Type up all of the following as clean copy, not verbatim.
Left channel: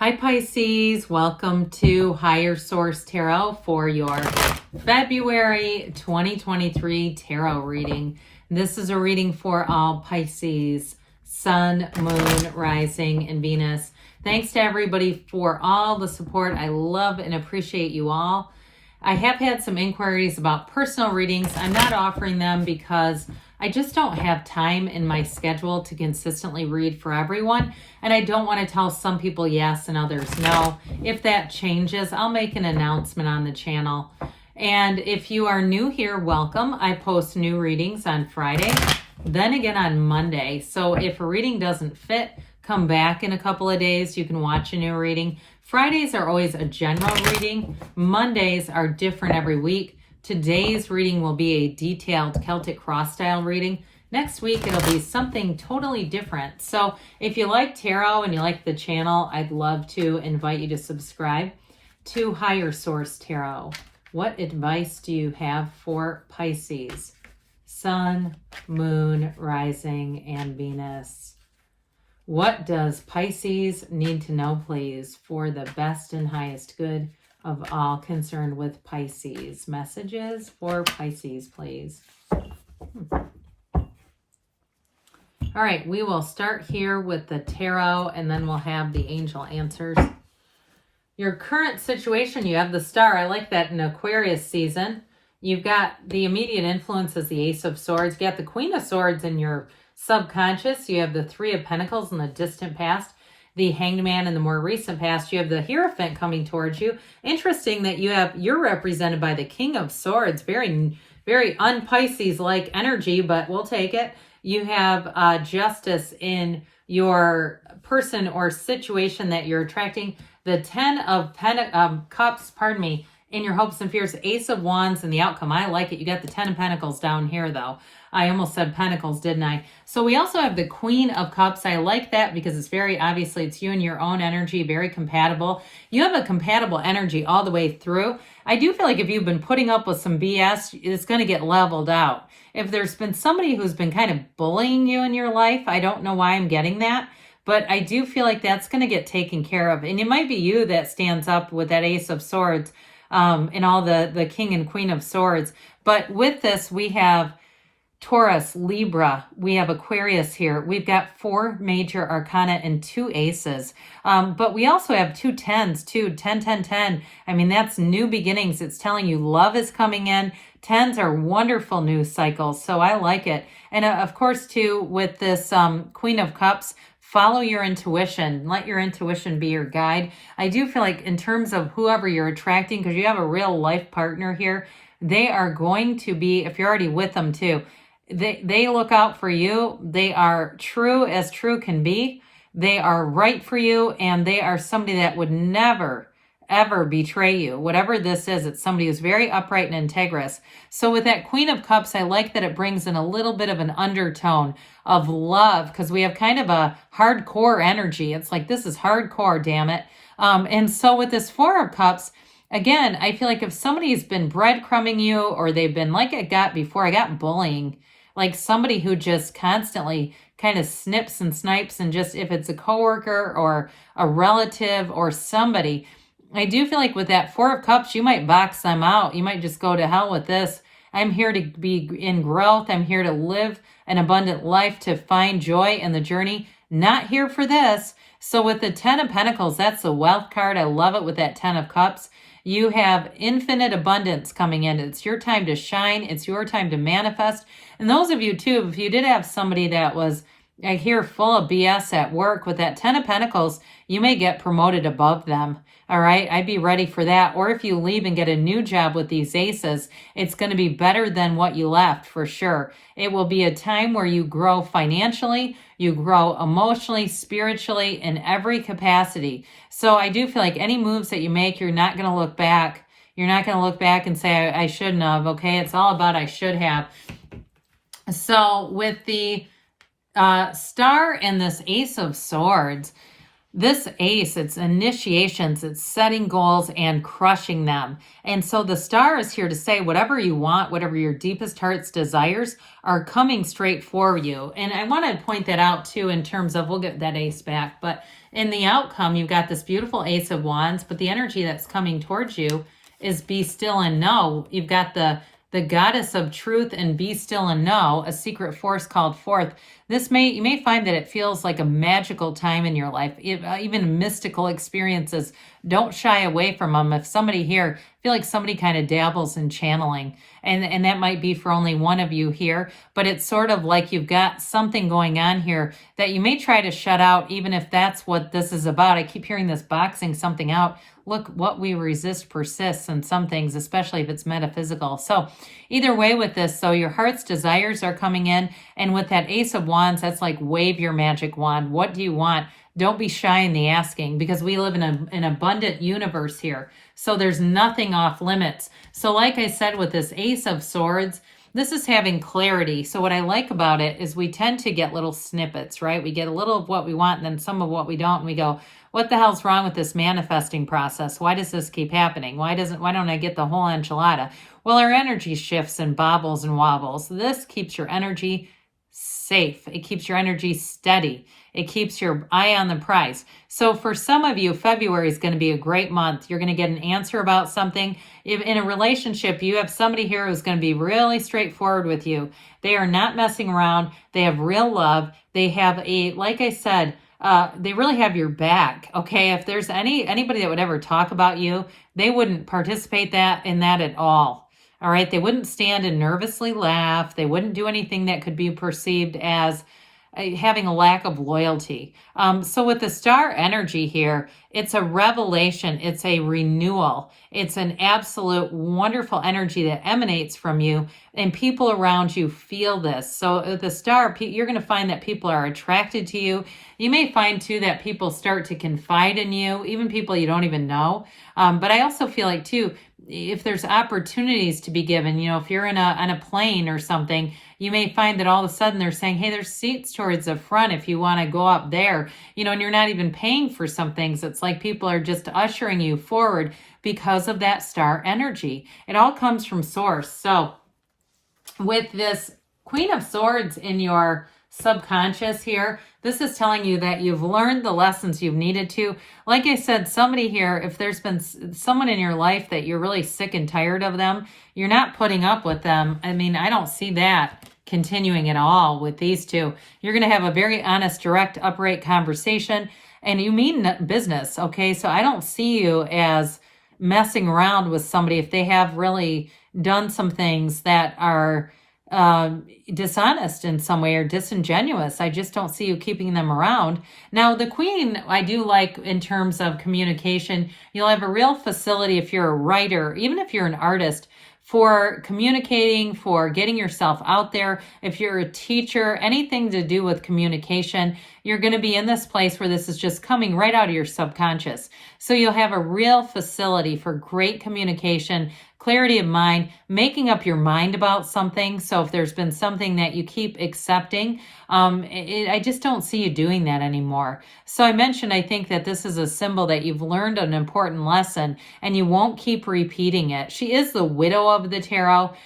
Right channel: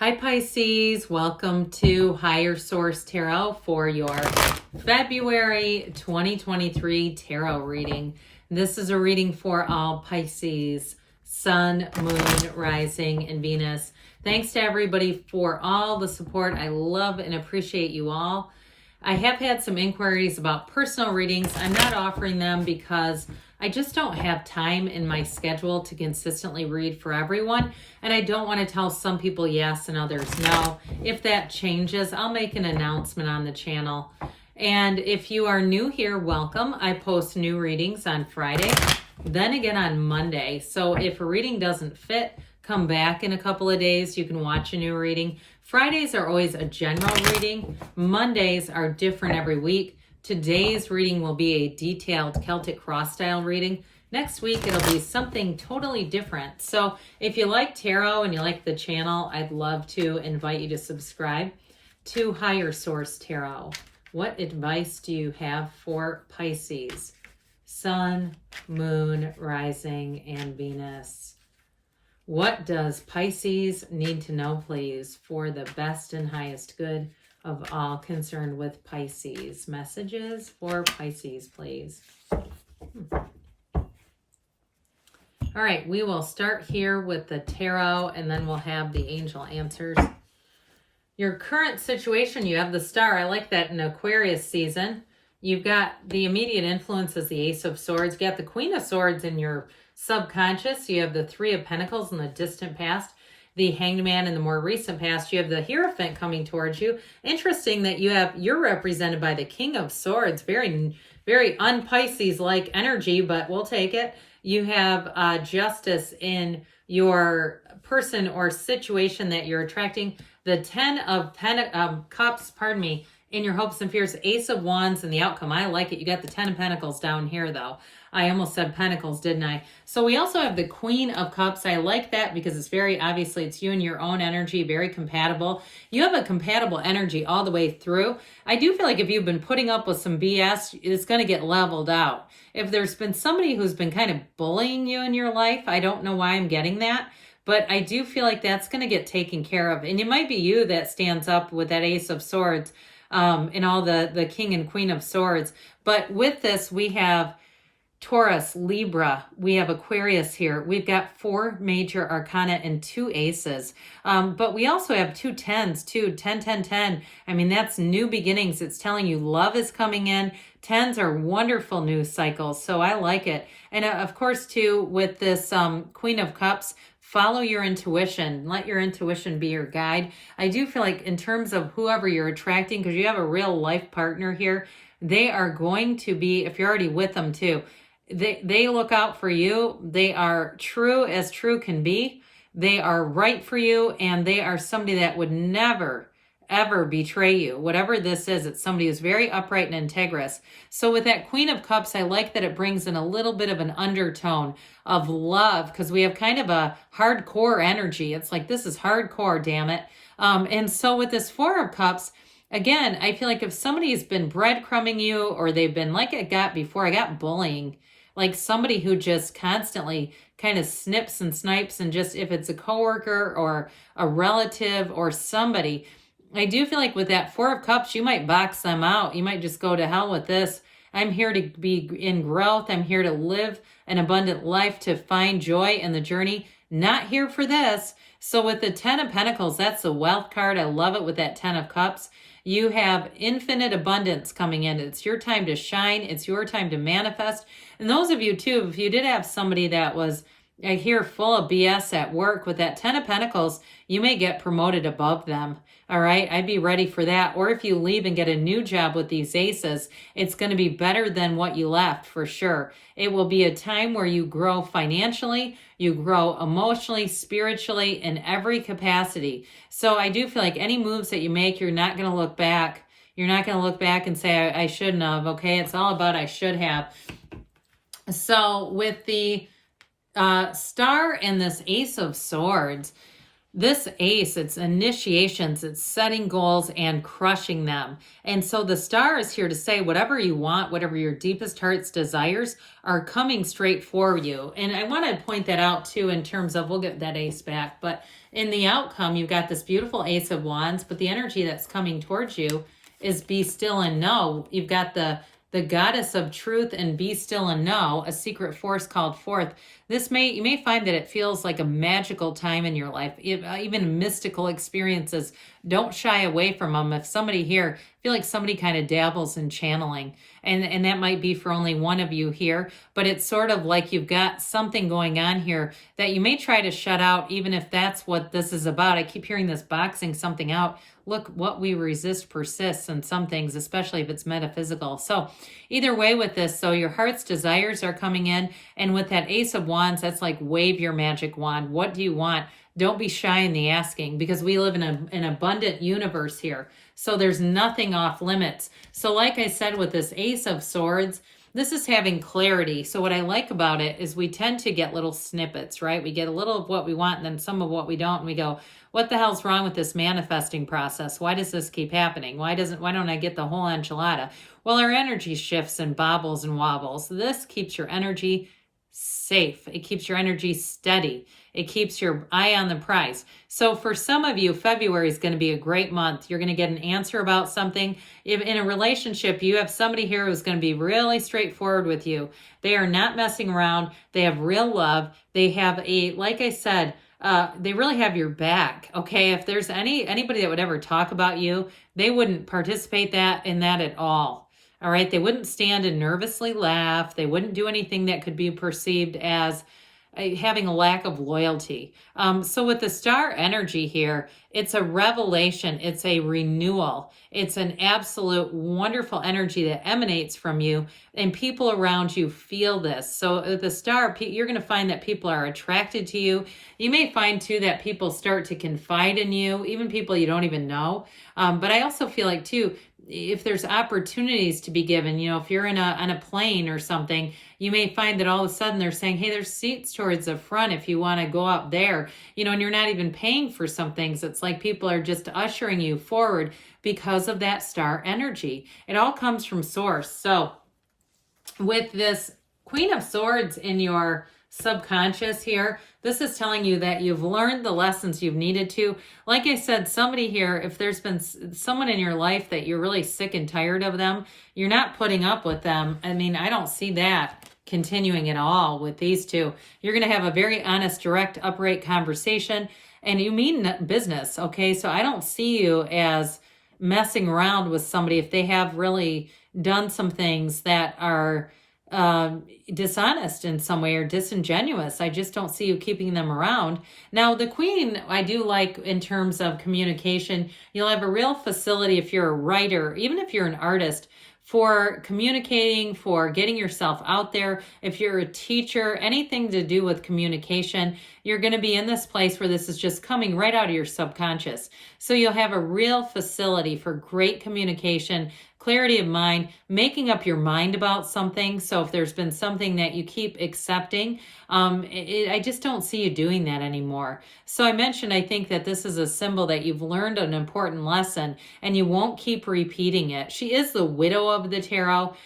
Hi Pisces, welcome to Higher Source Tarot for your February 2023 tarot reading. This is a reading for all Pisces, Sun, Moon, Rising, and Venus. Thanks to everybody for all the support. I love and appreciate you all. I have had some inquiries about personal readings. I'm not offering them because I just don't have time in my schedule to consistently read for everyone. And I don't want to tell some people yes and others no. If that changes, I'll make an announcement on the channel. And if you are new here, welcome. I post new readings on Friday, then again on Monday. So if a reading doesn't fit, come back in a couple of days. You can watch a new reading. Fridays are always a general reading. Mondays are different every week. Today's reading will be a detailed Celtic cross style reading. Next week, it'll be something totally different. So if you like tarot and you like the channel, I'd love to invite you to subscribe to Higher Source Tarot. What advice do you have for Pisces? Sun, Moon, Rising, and Venus. What does Pisces need to know, please, for the best and highest good of all concerned with Pisces? Messages for Pisces, please. All right, we will start here with the tarot, and then we'll have the angel answers. Your current situation, you have the star. I like that in Aquarius season. You've got the immediate influence as the Ace of Swords. You got the Queen of Swords in your subconscious. You have the Three of Pentacles in the distant past, the Hanged Man in the more recent past. You have the Hierophant coming towards you. Interesting that you're represented by the King of Swords. Very, very un-Pisces-like energy, but we'll take it. You have justice in your person or situation that you're attracting. The Ten of Cups, in your hopes and fears, Ace of Wands in the outcome. I like it. You got the Ten of Pentacles down here, though. I almost said Pentacles, didn't I? So we also have the Queen of Cups. I like that because it's very, obviously, it's you and your own energy, very compatible. You have a compatible energy all the way through. I do feel like if you've been putting up with some BS, it's going to get leveled out. If there's been somebody who's been kind of bullying you in your life, I don't know why I'm getting that, but I do feel like that's going to get taken care of. And it might be you that stands up with that Ace of Swords and all the King and Queen of Swords. But with this, we have Taurus, Libra, we have Aquarius here. We've got 4 major arcana and 2 aces. But we also have 2 tens, too. 10, 10, 10. I mean, that's new beginnings. It's telling you love is coming in. Tens are wonderful news cycles, so I like it. And of course, too, with this Queen of Cups, follow your intuition. Let your intuition be your guide. I do feel like in terms of whoever you're attracting, because you have a real life partner here, they are going to be, if you're already with them too, they look out for you. They are true as true can be. They are right for you, and they are somebody that would never, ever betray you. Whatever this is, it's somebody who's very upright and integrous. So with that Queen of Cups, I like that it brings in a little bit of an undertone of love, because we have kind of a hardcore energy. It's like, this is hardcore, damn it. And so with this Four of Cups, again, I feel like if somebody's been breadcrumbing you, or they've been like I got before, I got bullying, like somebody who just constantly kind of snips and snipes, and just, if it's a coworker or a relative or somebody, I do feel like with that Four of Cups, you might box them out. You might just go to hell with this. I'm here to be in growth. I'm here to live an abundant life, to find joy in the journey. Not here for this. So with the Ten of Pentacles, that's the wealth card. I love it with that Ten of Cups. You have infinite abundance coming in. It's your time to shine. It's your time to manifest. And those of you too, if you did have somebody that was, I hear, full of BS at work, with that Ten of Pentacles, you may get promoted above them. All right, I'd be ready for that. Or if you leave and get a new job with these aces, it's going to be better than what you left for sure. It will be a time where you grow financially, you grow emotionally, spiritually, in every capacity. So I do feel like any moves that you make, you're not going to look back. You're not going to look back and say, I shouldn't have. Okay, it's all about I should have. So with the star and this Ace of Swords, this ace, it's initiations, it's setting goals and crushing them. And so the star is here to say whatever you want, whatever your deepest heart's desires are coming straight for you. And I want to point that out too in terms of, we'll get that ace back, but in the outcome, you've got this beautiful Ace of Wands, but the energy that's coming towards you is be still and know. You've got the goddess of truth and be still and know, a secret force called forth. You may find that it feels like a magical time in your life, even mystical experiences. Don't shy away from them. If somebody here, I feel like somebody kind of dabbles in channeling, and that might be for only one of you here, but it's sort of like you've got something going on here that you may try to shut out, even if that's what this is about. I keep hearing this boxing something out. Look, what we resist persists in some things, especially if it's metaphysical. So either way with this, so your heart's desires are coming in. And with that Ace of Wands, that's like wave your magic wand. What do you want? Don't be shy in the asking, because we live in an abundant universe here. So there's nothing off limits. So like I said, with this Ace of Swords, this is having clarity. So what I like about it is we tend to get little snippets, right? We get a little of what we want and then some of what we don't. And we go, what the hell's wrong with this manifesting process? Why does this keep happening? Why don't I get the whole enchilada? Well, our energy shifts and bobbles and wobbles. This keeps your energy safe. It keeps your energy steady. It keeps your eye on the prize. So for some of you, February is going to be a great month. You're going to get an answer about something. If in a relationship, you have somebody here who's going to be really straightforward with you. They are not messing around. They have real love. They have like I said, they really have your back. Okay. If there's anybody that would ever talk about you, they wouldn't participate in that at all. All right. They wouldn't stand and nervously laugh. They wouldn't do anything that could be perceived as having a lack of loyalty. So with the star energy here, it's a revelation. It's a renewal. It's an absolute wonderful energy that emanates from you, and people around you feel this. So the star, you're going to find that people are attracted to you. You may find too that people start to confide in you, even people you don't even know. But I also feel like too, if there's opportunities to be given, if you're on a plane or something, you may find that all of a sudden they're saying, hey, there's seats towards the front if you want to go up there, and you're not even paying for some things. It's like people are just ushering you forward because of that star energy. It all comes from source. So with this Queen of Swords in your subconscious here, this is telling you that you've learned the lessons you've needed to. Like I said, somebody here, if there's been someone in your life that you're really sick and tired of them, you're not putting up with them. I mean, I don't see that continuing at all with these two. You're going to have a very honest, direct, upright conversation, and you mean business, okay? So I don't see you as messing around with somebody if they have really done some things that are dishonest in some way or disingenuous. I just don't see you keeping them around. Now, the Queen, I do like in terms of communication. You'll have a real facility if you're a writer, even if you're an artist, for communicating, for getting yourself out there. If you're a teacher, anything to do with communication, you're going to be in this place where this is just coming right out of your subconscious. So you'll have a real facility for great communication, clarity of mind, making up your mind about something. So if there's been something that you keep accepting, I just don't see you doing that anymore. So I mentioned, I think that this is a symbol that you've learned an important lesson and you won't keep repeating it. She is the widow of the tarot,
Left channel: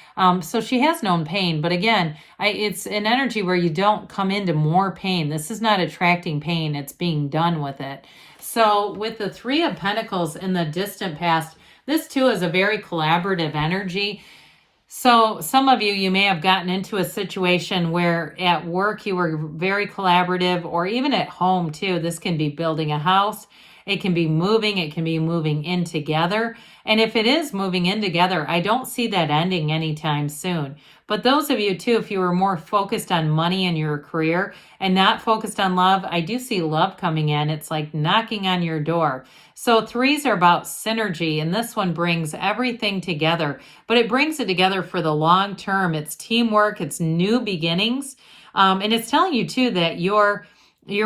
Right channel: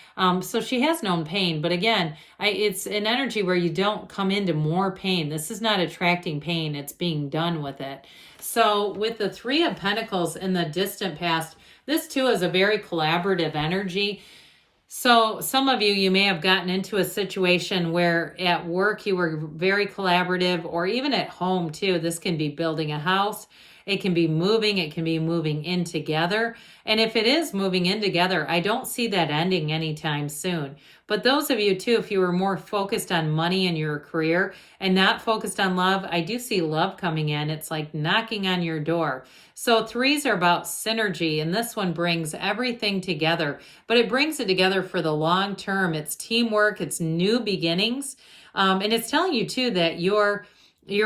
so she has known pain. But again, it's an energy where you don't come into more pain. This is not attracting pain. It's being done with it. So with the Three of Pentacles in the distant past, this too is a very collaborative energy. So some of you may have gotten into a situation where at work you were very collaborative, or even at home too. This can be building a house. It can be moving in together. And if it is moving in together, I don't see that ending anytime soon. But those of you too, if you were more focused on money in your career and not focused on love, I do see love coming in. It's like knocking on your door. So threes are about synergy, and this one brings everything together, but it brings it together for the long term. It's teamwork, it's new beginnings, and it's telling you too that your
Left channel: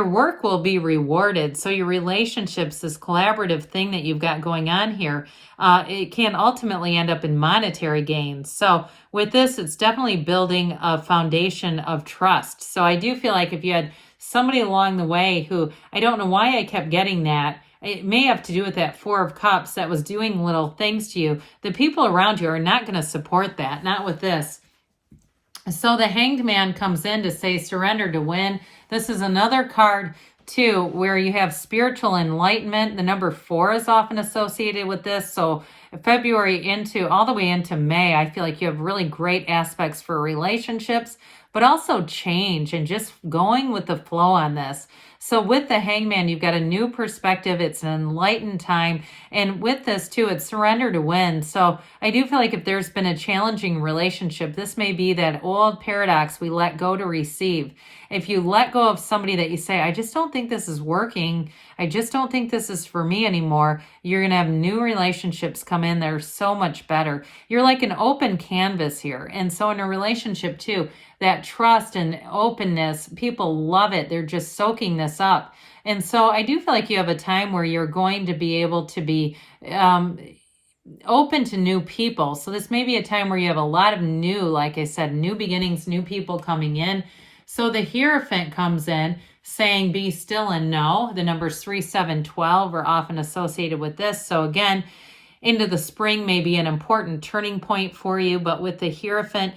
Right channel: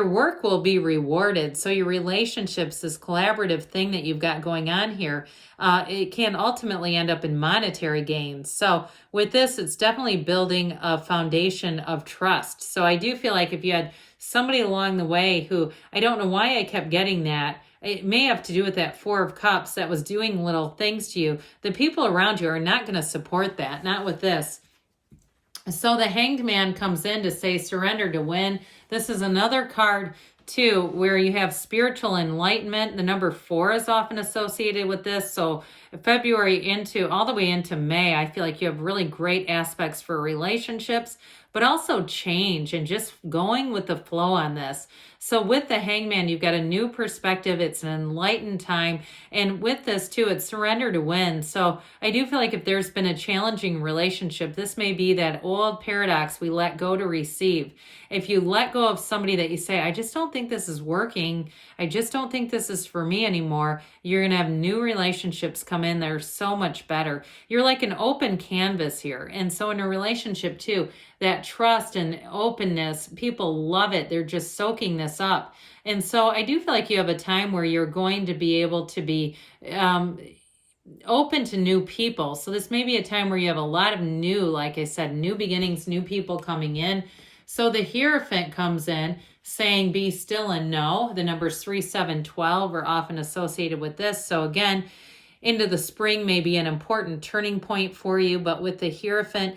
work will be rewarded. So your relationships, this collaborative thing that you've got going on here, it can ultimately end up in monetary gains. So with this, it's definitely building a foundation of trust. So I do feel like if you had somebody along the way who, I don't know why I kept getting that, it may have to do with that Four of Cups that was doing little things to you. The people around you are not going to support that, not with this. So the Hanged Man comes in to say surrender to win. This is another card too, where you have spiritual enlightenment. The number 4 is often associated with this. So February into all the way into May, I feel like you have really great aspects for relationships, but also change and just going with the flow on this. So with the Hangman, you've got a new perspective. It's an enlightened time. And with this too, it's surrender to win. So I do feel like if there's been a challenging relationship, this may be that old paradox, we let go to receive. If you let go of somebody that you say, I just don't think this is working, I just don't think this is for me anymore, you're going to have new relationships come in that are so much better. You're like an open canvas here. And so in a relationship too, that trust and openness, people love it. They're just soaking this up. And so I do feel like you have a time where you're going to be able to be open to new people. So this may be a time where you have a lot of new, like I said, new beginnings, new people coming in. So the Hierophant comes in saying, be still and know. The numbers 3, 7, 12 are often associated with this. So again, into the spring may be an important turning point for you. But with the Hierophant,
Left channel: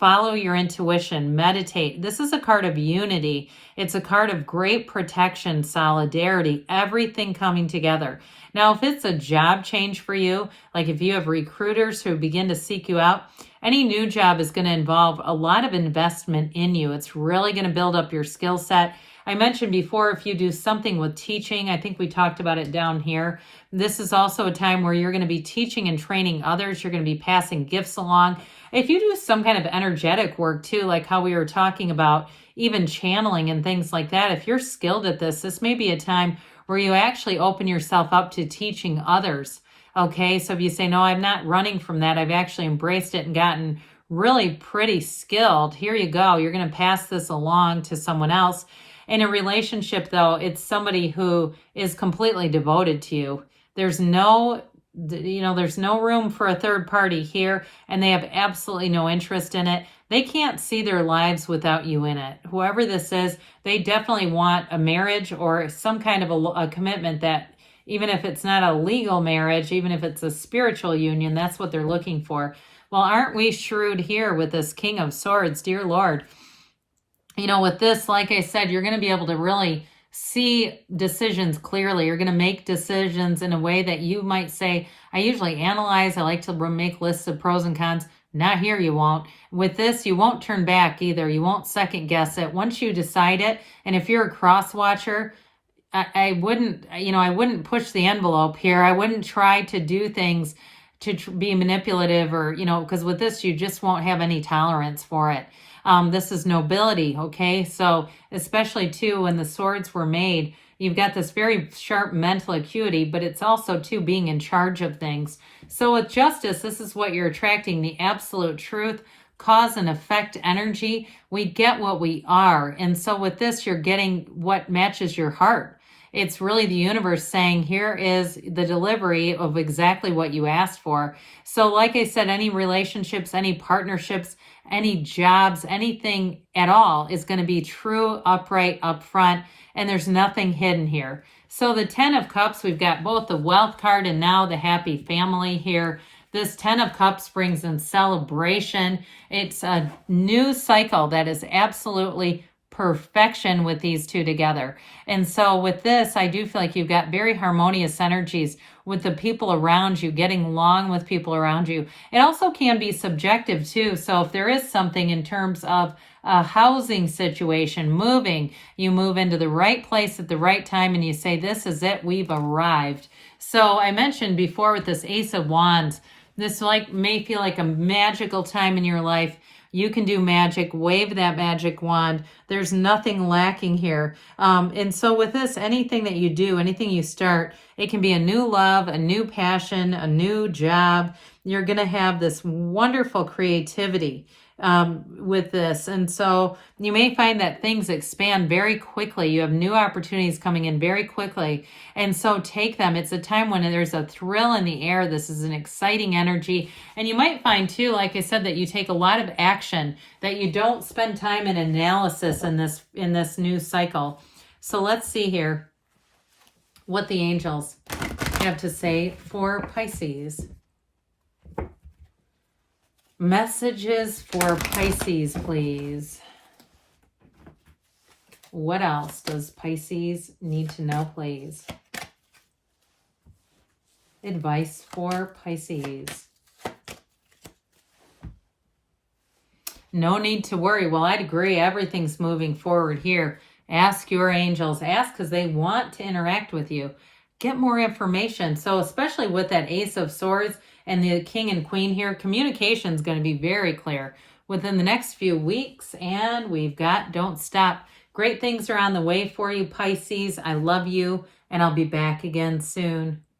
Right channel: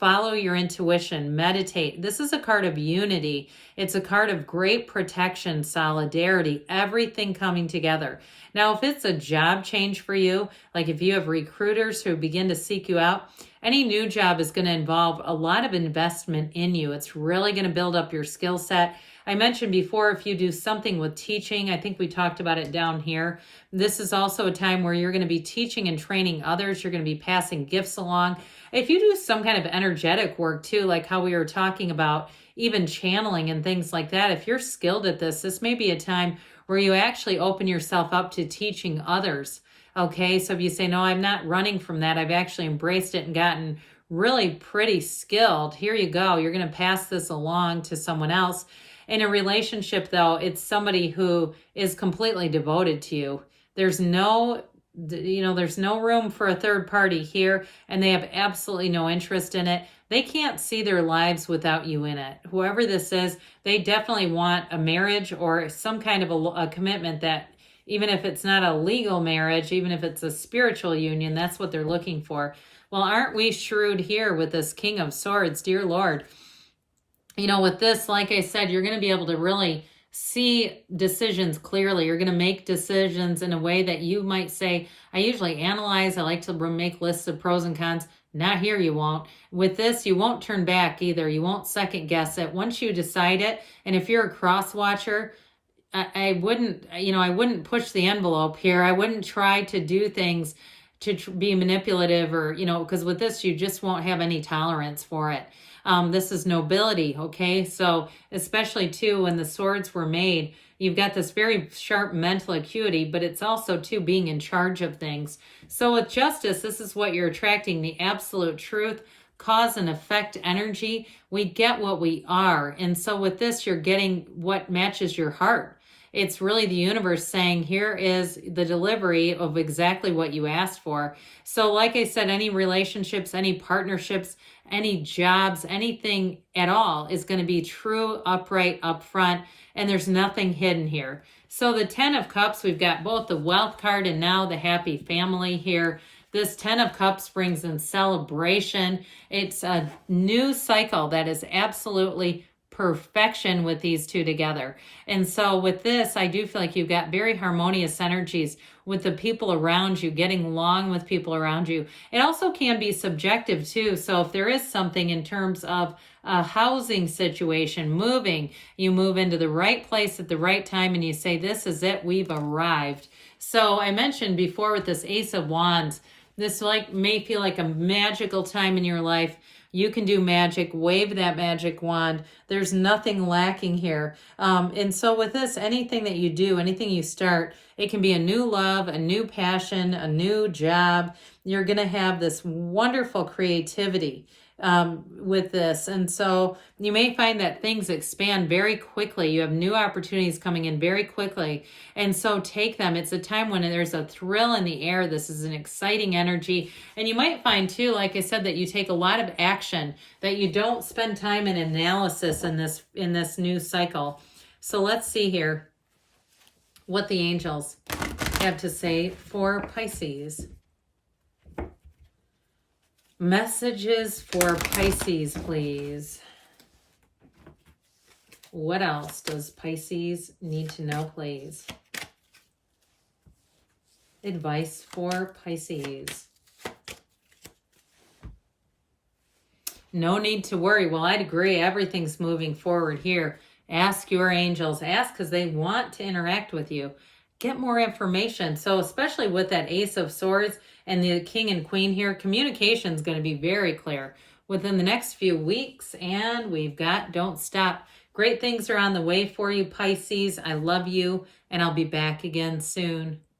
follow your intuition, meditate. This is a card of unity. It's a card of great protection, solidarity, everything coming together. Now, if it's a job change for you, like if you have recruiters who begin to seek you out, any new job is going to involve a lot of investment in you. It's really going to build up your skill set. I mentioned before, if you do something with teaching, I think we talked about it down here. This is also a time where you're going to be teaching and training others. You're going to be passing gifts along. If you do some kind of energetic work too, like how we were talking about, even channeling and things like that, if you're skilled at this, this may be a time where you actually open yourself up to teaching others. Okay, so if you say, no, I'm not running from that, I've actually embraced it and gotten really pretty skilled, here you go. You're going to pass this along to someone else. In a relationship, though, it's somebody who is completely devoted to you. There's no room for a third party here, and they have absolutely no interest in it. They can't see their lives without you in it. Whoever this is, they definitely want a marriage or some kind of a commitment that, even if it's not a legal marriage, even if it's a spiritual union, that's what they're looking for. Well, aren't we shrewd here with this King of Swords, dear Lord? You know, with this, like I said, you're going to be able to really see decisions clearly. You're going to make decisions in a way that you might say, I usually analyze, I like to make lists of pros and cons. Not here, you won't. With this, you won't turn back either. You won't second guess it. Once you decide it, and if you're a cross watcher, I wouldn't push the envelope here. I wouldn't try to do things to be manipulative or, because with this, you just won't have any tolerance for it. This is nobility, okay? So especially too, when the swords were made, you've got this very sharp mental acuity, but it's also too being in charge of things. So with justice, this is what you're attracting, the absolute truth, cause and effect energy. We get what we are. And so with this, you're getting what matches your heart. It's really the universe saying, here is the delivery of exactly what you asked for. So like I said, any relationships, any partnerships, any jobs, anything at all is going to be true, upright, upfront, and there's nothing hidden here. So the 10 of Cups, we've got both the Wealth card and now the Happy Family here. This 10 of Cups brings in celebration. It's a new cycle that is absolutely perfection with these two together. And so with this, I do feel like you've got very harmonious energies with the people around you, getting along with people around you. It also can be subjective too. So if there is something in terms of a housing situation, moving, you move into the right place at the right time and you say, this is it, we've arrived. So I mentioned before with this Ace of Wands, this may feel like a magical time in your life. You can do magic, wave that magic wand. There's nothing lacking here. And so with this, anything that you do, anything you start, it can be a new love, a new passion, a new job. You're going to have this wonderful creativity with this. And so you may find that things expand very quickly. You have new opportunities coming in very quickly. And so take them. It's a time when there's a thrill in the air. This is an exciting energy. And you might find too, like I said, that you take a lot of action, that you don't spend time in analysis in this new cycle. So let's see here what the angels have to say for Pisces. Messages for Pisces, please. What else does Pisces need to know, please? Advice for Pisces. No need to worry. Well, I'd agree. Everything's moving forward here. Ask your angels. Ask because they want to interact with you. Get more information. So especially with that Ace of Swords and the King and Queen here, communication is going to be very clear within the next few weeks. And we've got Don't Stop. Great things are on the way for you, Pisces. I love you, and I'll be back again soon.